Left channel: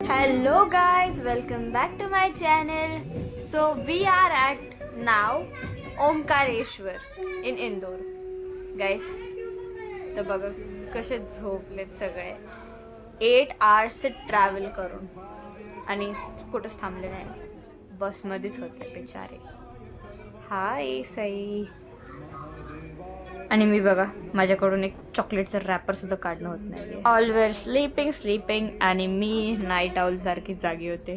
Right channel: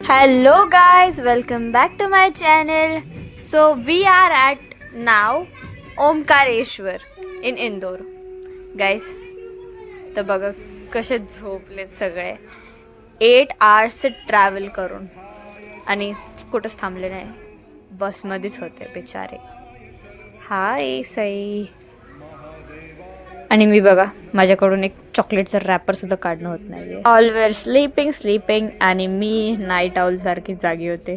Hello guys, welcome back to my channel. So we are at now Omkareshwar in Indore. Guys, तर बघा कसे झोपलेत सगळे 8 hours travel करून आणि कुठंच थांबले नाही, बसमध्येच होते बिचारे. हाय सई. आणि मी बघा माझ्याकडून एक चॉकलेटचा रॅपर सुद्धा काढणं होत नाही. ऑलवेज स्लीपिंग आणि मी नाईट आउल सारखी जागी होते.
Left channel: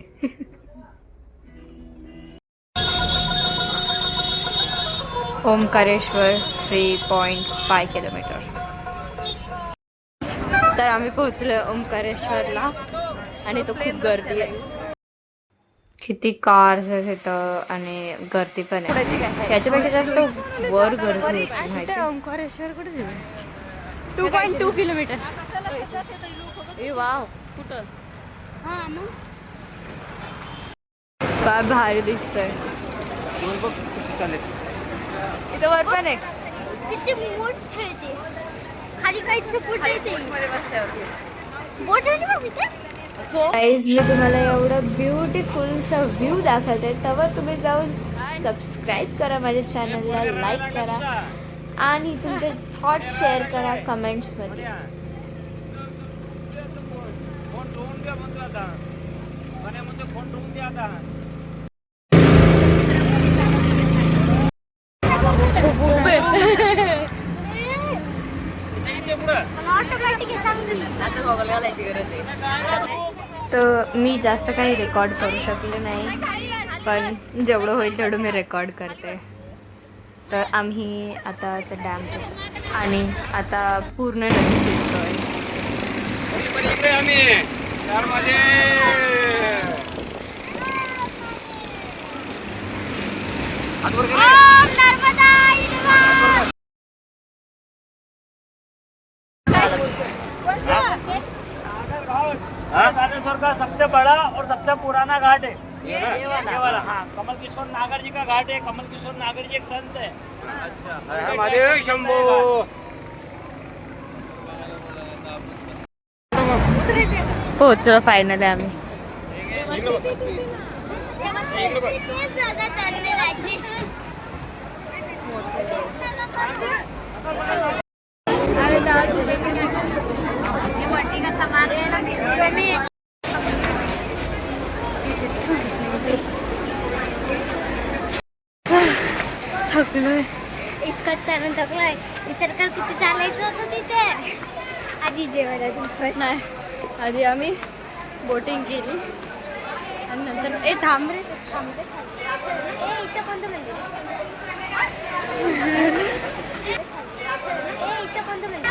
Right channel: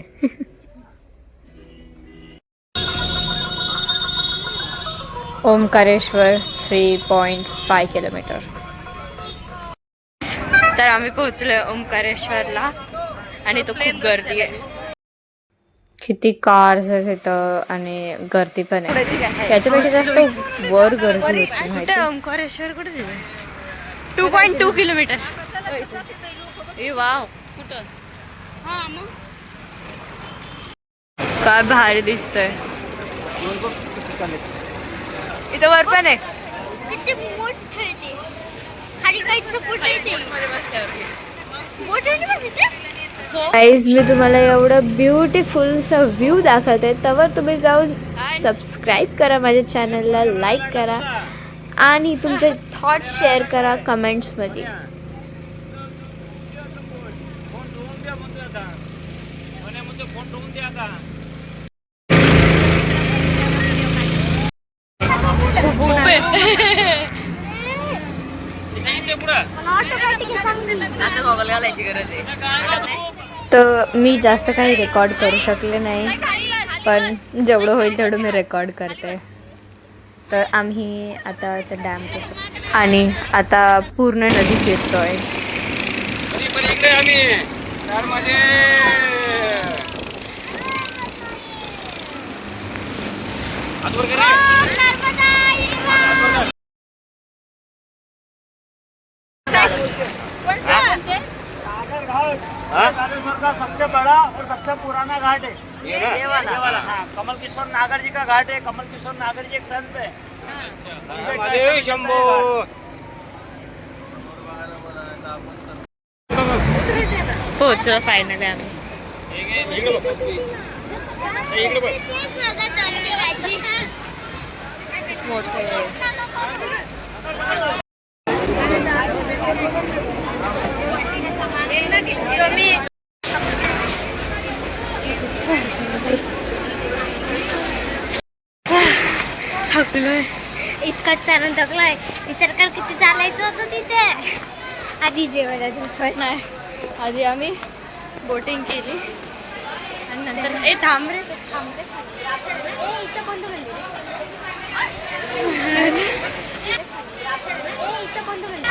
ओमकारेश्वर 3.5 किलोमीटर. तर आम्ही पोहोचलोय ओमकारेश्वरला आणि तो खूप गर्दी आहे. किती कार्स आहेत इथं आणि गर्दी पण आहे. त्याच्यापेक्षा जास्त वर गर्दी होती. ओंकारेश्वर कुठे 2.2 किलोमीटर. वाव, काय भारी दिसतंय. इथं वर पण आहे. किती मोठे ते खाली काहीच सपोर्ट नाही ते गाईज मी तुम्हाला एवढं ब्युटिफुल सा व्ह्यू दाखवते, त्यावर तुम्ही जाऊन सबस्क्राईब करा माझ्या चॅनलला, लाईक करा आणि तुमचे थॉट शेअर करा कमेंट्समध्ये. तर मी जास्त काही रेकॉर्ड करू शकले नाही, पण जेवढं होईल तेवढं मी रेकॉर्ड करते. तर आम्ही आता त्या डॅमच्या आणि आता पूर्ण नदी फिरतोय. नागेश्वर का सबसे बड़ा और सबसे पुराना घाट है ये वाला। हाँ, कमल किशोर नागर जी का घाट है। कमल किशोर नागर जी एक संत है। महादेव शंभो. पोहोचलो फायनली आम्ही. इतकं चालून थकलोय. विचार कर किती चालायचं होतं तिथे. आधी जेवायला नाही, आधी आम्ही बोटिंग केली आणि नंतर थांबरे. इथं कोणतं मंदिर?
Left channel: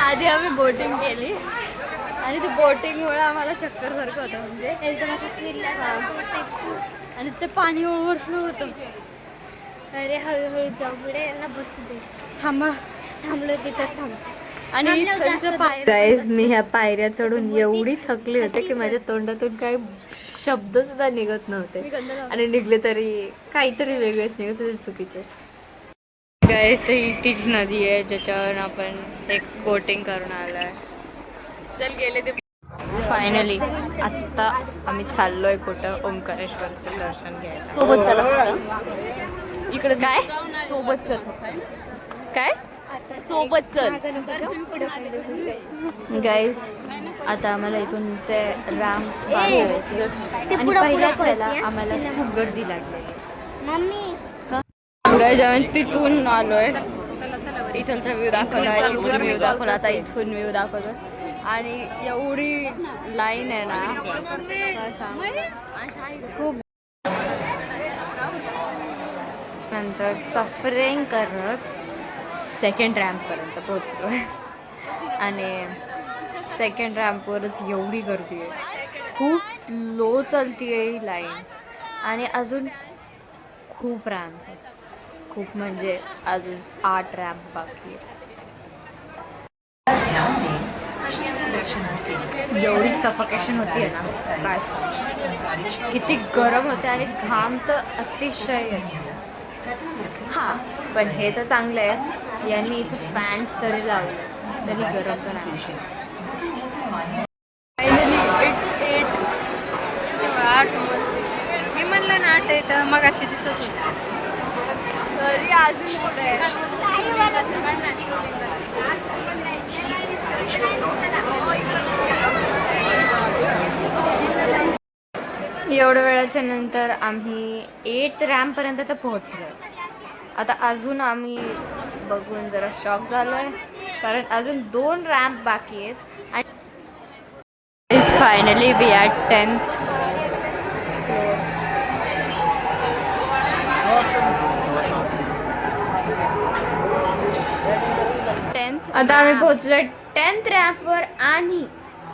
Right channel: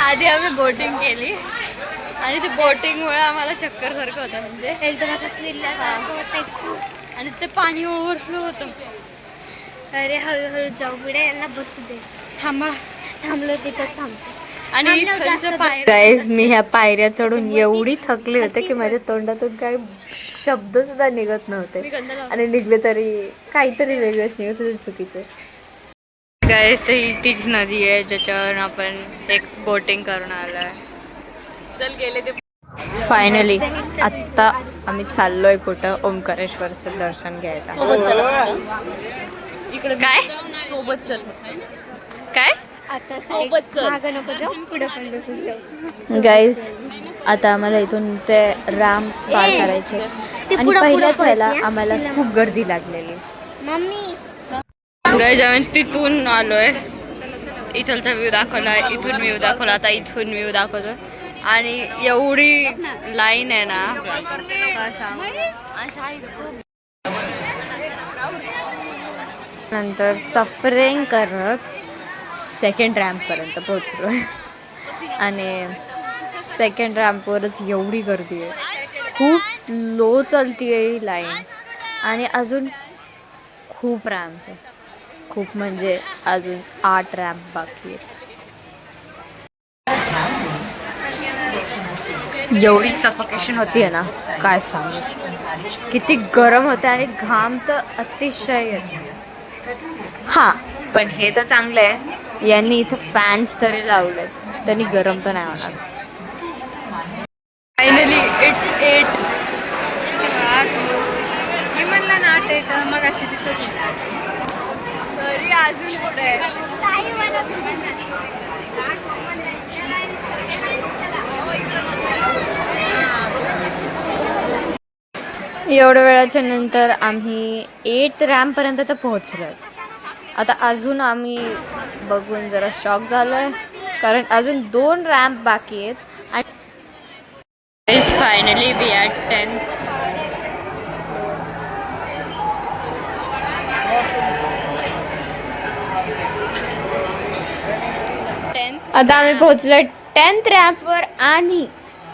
आधी आम्ही बोटिंग केली आणि ते बोटिंगमुळे आम्हाला चक्कर सारखं होतं, म्हणजे एकदम असं फिरल्यासारखं होतं खूप. आणि ते पाणी ओव्हरफ्लो होतं. अरे हळूहळू जाऊ पुढे, यांना बसू दे. थांबलो तिथंच थांबतो. आणि इथलच्या पायऱ्या, गाईज मी ह्या पायऱ्या चढून एवढी थकली होते की माझ्या तोंडातून काही शब्द सुद्धा निघत नव्हते, आणि निघले तरी काहीतरी वेगळेच निघत होते, चुकीचे. गाईज ही तीच नदी आहे ज्याच्यावर आपण एक बोटिंग करून आलोय. चल गेले ते. फायनली आत्ता आम्ही चाललोय कुठं, ओमकारेश्वरचं दर्शन घ्यायला. सोबत चल इकडे. काय सोबत चल? काय सोबत चल. गाईज आता आम्हाला इथून ते रॅम्प्स पार करायचे आणि पहिल्याच वेळेला आम्हाला खूप गर्दी लागलेली. मम्मी गाईज आम्ही तिथून आलोय. इथलचा व्ह्यू दाखवला, इथून व्ह्यू दाखवला, आता इथून व्ह्यू दाखवतो. आणि एवढी लाईन आहे ना, काय सांग. नंतर सफरिंग करत सेकंड रॅम्पपर्यंत पोहोचलो आणि सेकंड रॅम्पवरच एवढी गर्दी आहे, खूप स्लो चालती आहे ही लाईन. आणि अजून खूप रॅम्प आहे, खूप म्हणजे अजून 8 रॅम्प बाकी आहेत. एवढी सफोकेशन होती आहे ना, काय सांग. किती गरम होते आणि घाम तर अतिशय येतो. हां, पण हे तर चांगलं आहे, यांनी इथे फॅन्स तरी लावलेत, त्यांनी गरम तर नाही होणार. फायनली इट्स 8 कशी दिसत तरी अजून पुढे एवढ्या वेळाच्या नंतर आम्ही 8th रॅम्पपर्यंत तर पोहोचलो. आता अजून आम्ही बघून जरा शॉक झालोय कारण अजून 2 रॅम्प बाकी आहेत आणि finally we R 10th floor. आता आम्ही पोहोचलो 10th रॅम्पवर आणि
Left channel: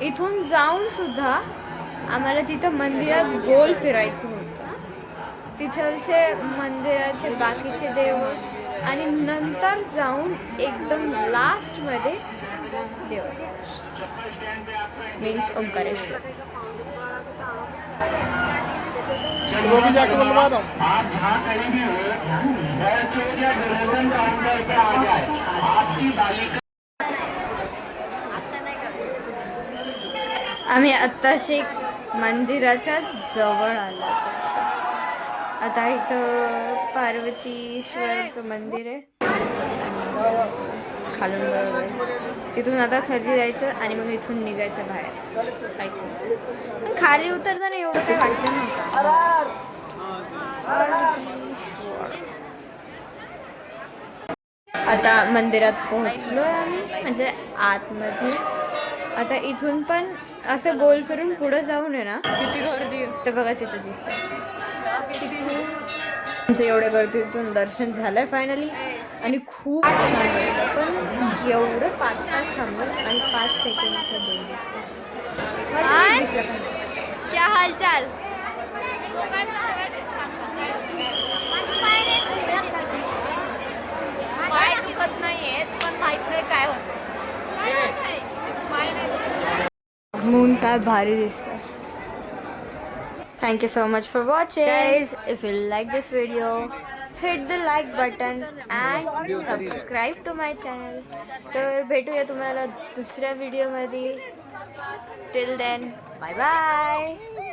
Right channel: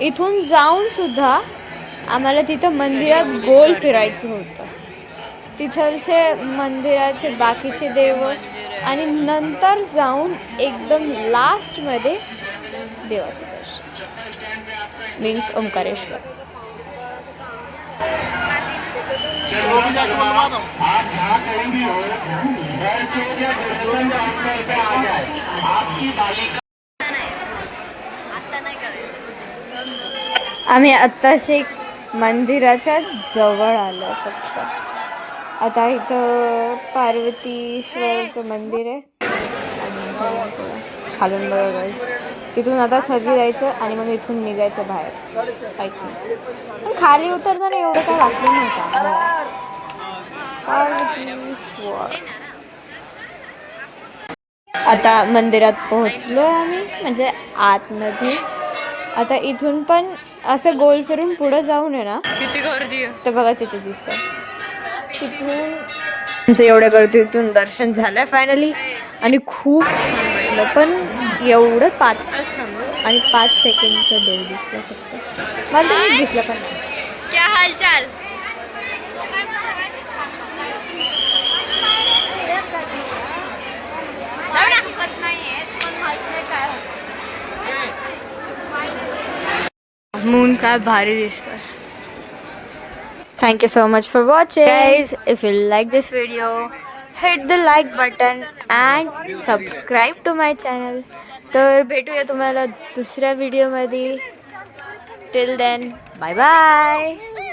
इथून जाऊन सुद्धा आम्हाला तिथं मंदिरात गोल फिरायचं होतं. तिथलचे मंदिराचे बाकीचे देव आणि नंतर जाऊन एकदम लास्टमध्ये देवाचं दर्शन मीन्स ओंकारेश्वर. आम्ही आत्ताचे मंदिराच्या जवळ आलो फक्त. आता इथं पार्वतीश्वरचं मंदिर आहे खालून बघायचं. तिथून आता खाली जायचं आणि मग इथून निघायचं बाहेर. आय थिंक पण खाली उतरताना एवढं काय वाटलं नव्हतं. पार्वतीश्वर. आता मंदिरात पोहोचलो आम्ही म्हणजे आतमध्ये. आता इथून पण असं गोल फिरून पुढं जाऊन आहे ना किती गर्दी आहे तर बघा तिथे दिसतं. तिथून आमचं एवढ्या गर्दीतून दर्शन झालंय फायनली आणि खूप छान वाटलं. पण एवढं 5 तास थांबलो आणि 5 सेकंडचं देव दिसलं फक्त. मला तरी दिसलं पण. क्या हालचाल. मून काय भारी दिसतोय. Thank you so much for watching. Guys, if you like this video, hit the like button and subscribe to my channel. तर भेटूया तुम्हाला दुसऱ्या व्हिडिओमध्ये. Till then, bye bye.